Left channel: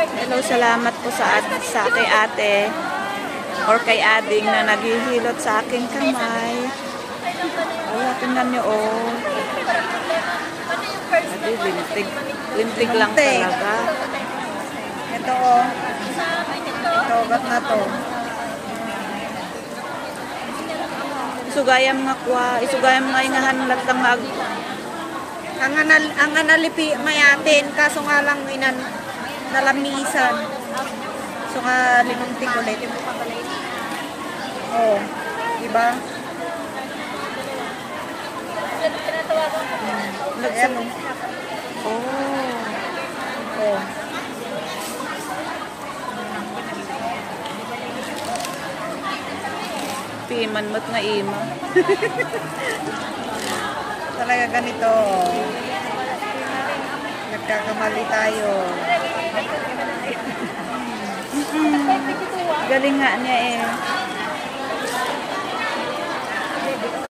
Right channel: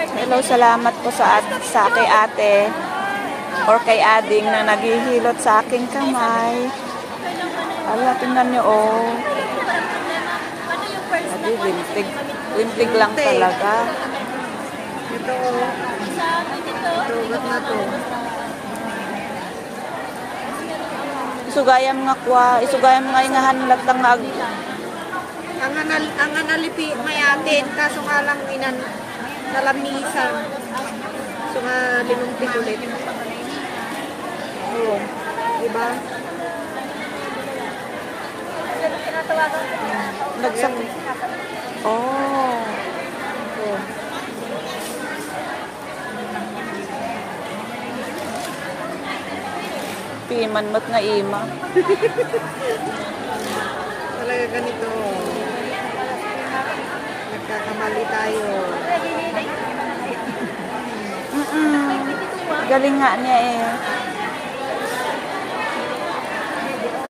Hello, salamat po sa kay ate or kay ading na naghihilot sa aking kamay. Ala, tingnan nyo, oh. Adi, limtig lang talaga. Ito, oh. Ito, na to. Isugayam nga kwa, isugayam nga ingahan latang ag. Ang analipi mayatin, kaso nga lang nalamisan. So nga limong ulit. Oh, diba? Nagsak. Oh. Oh. Piman mat nga ima. Talaga ganito. Nagkakamali tayo. Galing nga niya eh.